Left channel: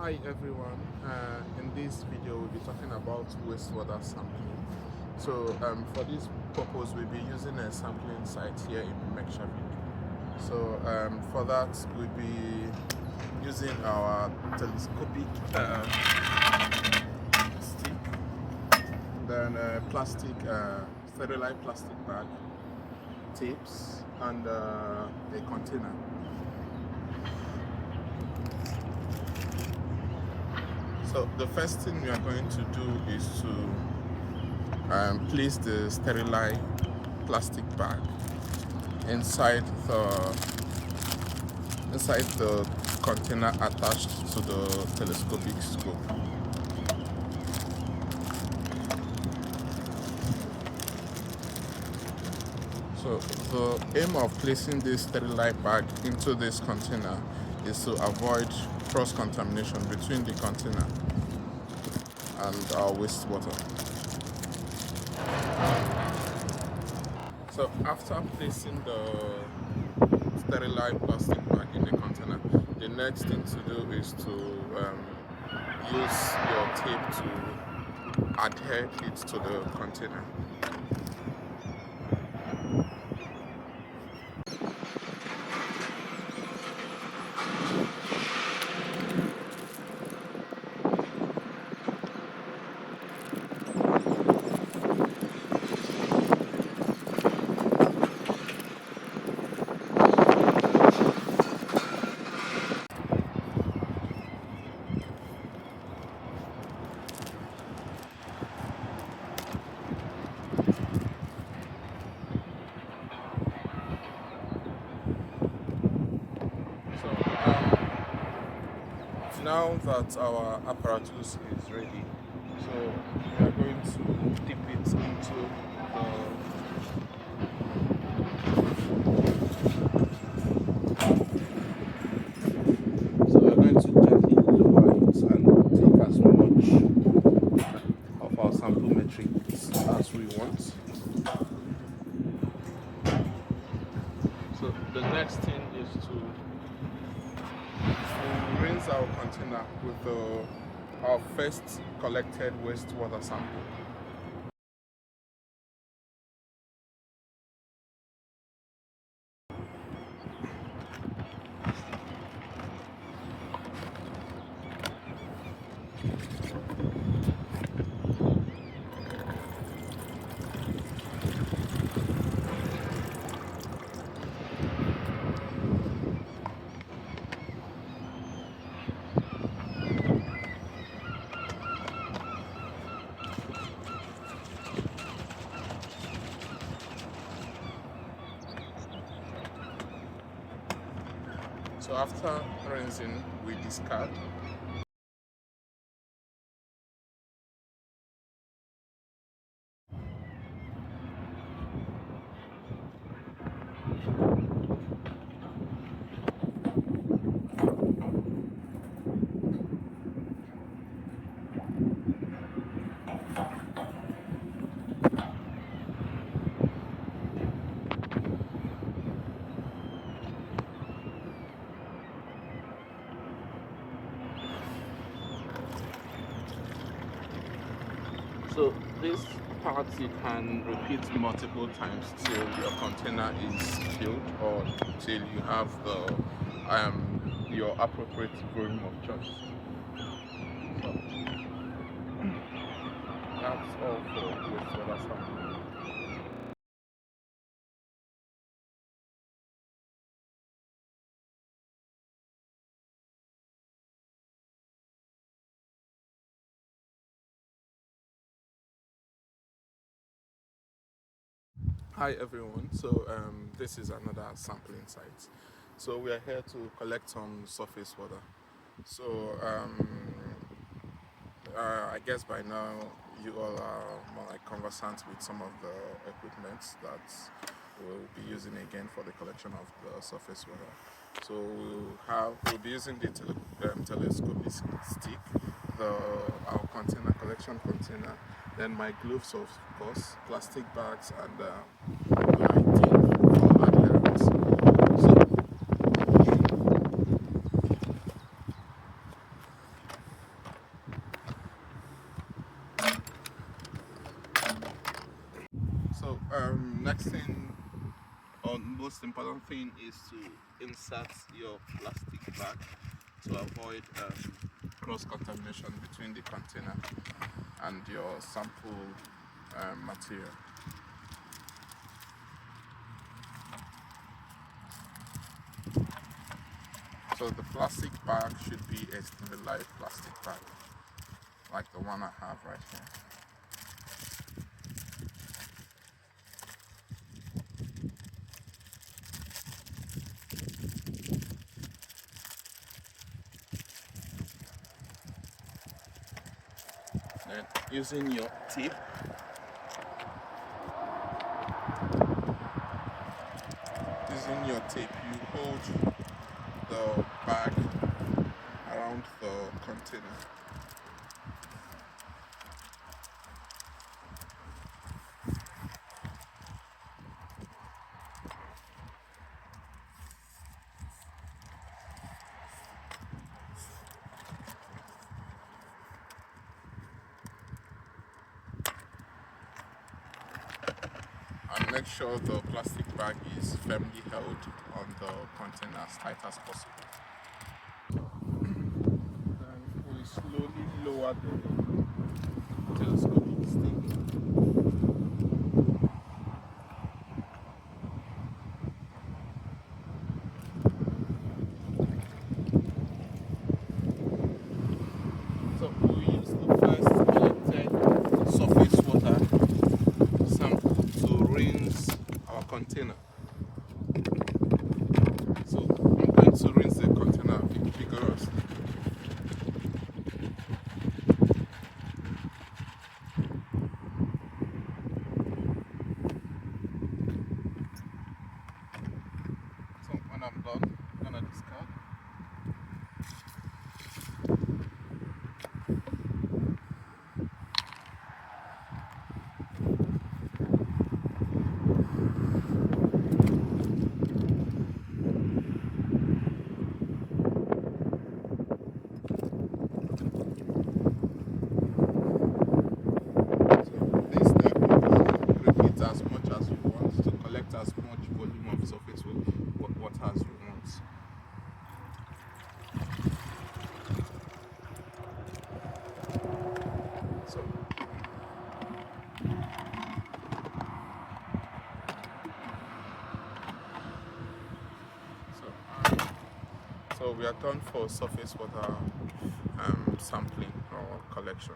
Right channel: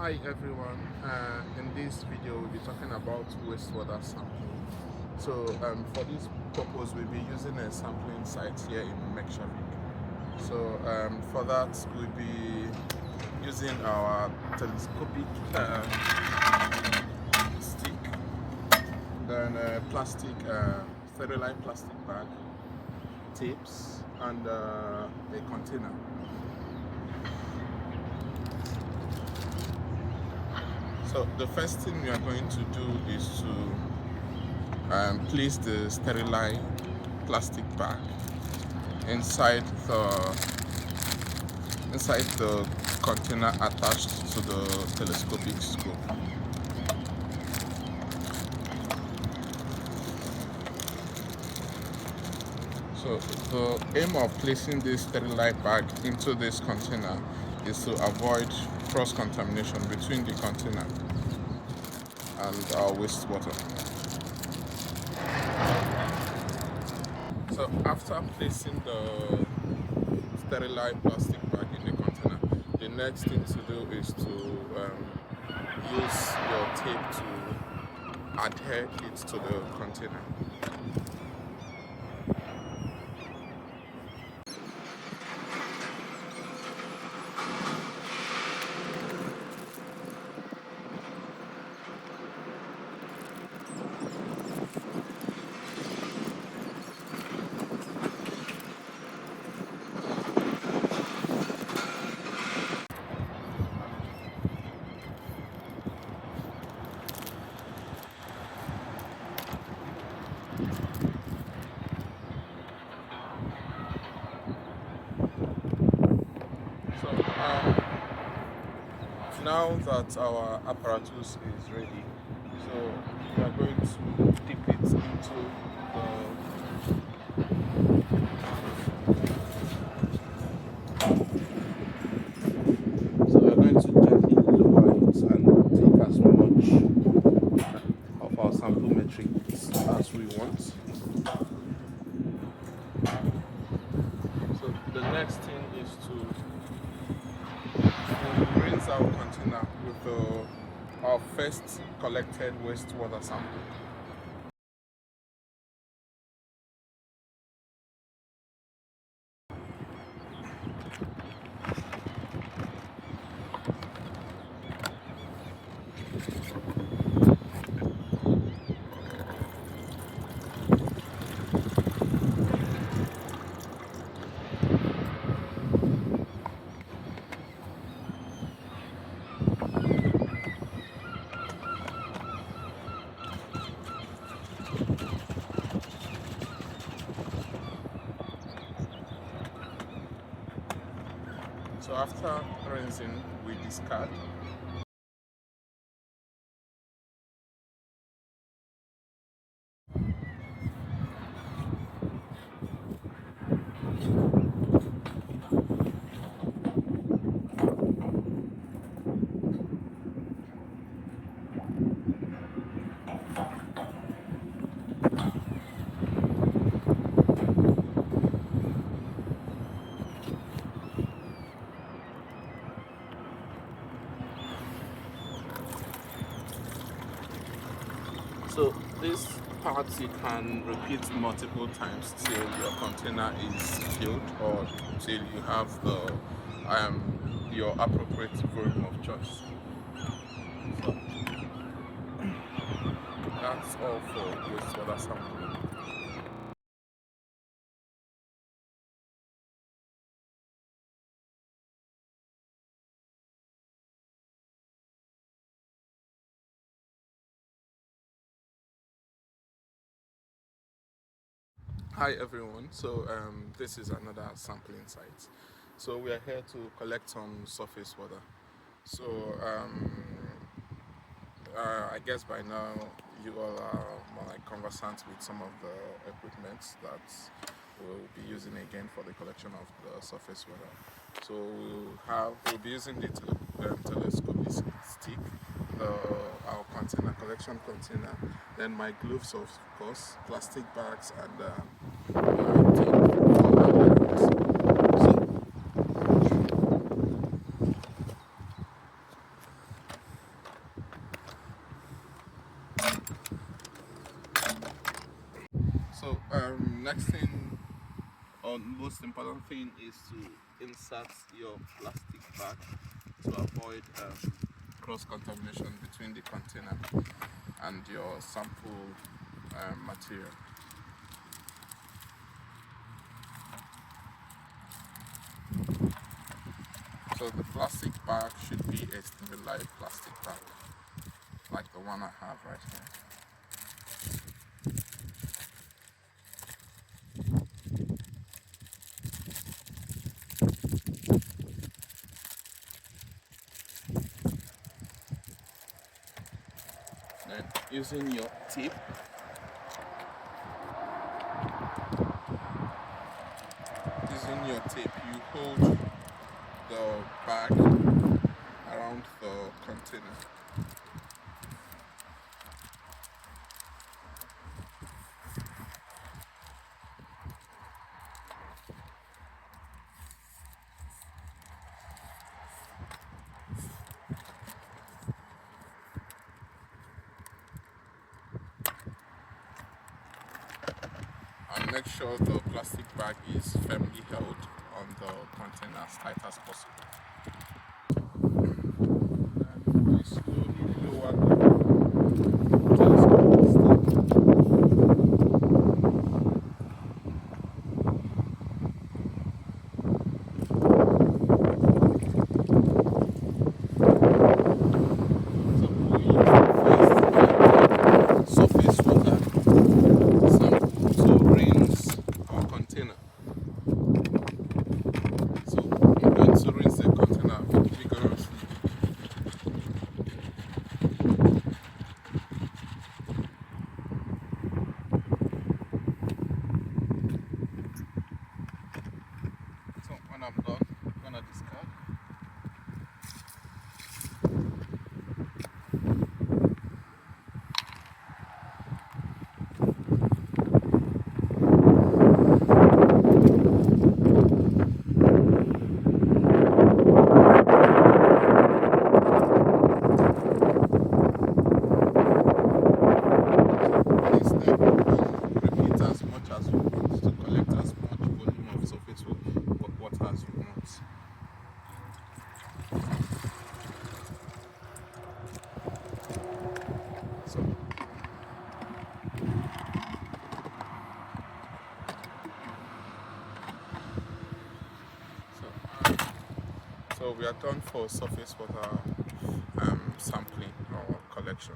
Hi everyone, in this video we'll be talking about wastewater sampling. So for this purpose we'll be using a sampling site here in Mekshavik. So for that we'll be using our telescopic stick, then plastic, sterilized plastic bag, tapes, and a container. So the first thing we are going to do is to place the sterilized plastic bag inside the container attached to the telescopic scope. So the aim of placing this sterilized bag into this container is to avoid cross-contamination between the container and our wastewater. So after placing the sterilized plastic bag in the container, the next thing to do is to use your tape to adhere it to the container. So now that our apparatus is ready, so we are going to dip it into the take as much of our sample matrix as we want. So the next thing is to rinse our container with our first collected wastewater sample. So after rinsing, we discard. So this part you can repeat multiple times till your container is filled or till you have the your appropriate volume of choice. So that's all for wastewater sampling. Hi everyone, so this is another sampling site. So we are here to collect some surface water. So I guess by now you all are more like conversant with some of the equipment that we'll be using again for the collection of the surface water. So we'll be using the telescopic stick, our container, collection container, then my gloves of course, plastic bags, and my tape for adherence. So Next thing, or most important thing, is to insert your plastic bag to avoid cross-contamination between the container and your sample material. So the plastic bag should be a sterilized plastic bag, like the one I have right here. Then using your tape, you hold the bag around the container. And make sure the plastic bag is firmly held on the container as tight as possible. And we slowly lower the telescope stick. So we use the first surface water sample to rinse our container. So I'm going to rinse the container vigorously. So when I'm done, I'm gonna discard. This step, repeat as much as you want to collect as much volume of surface water as you want. So, so we are done for surface water sampling or collection.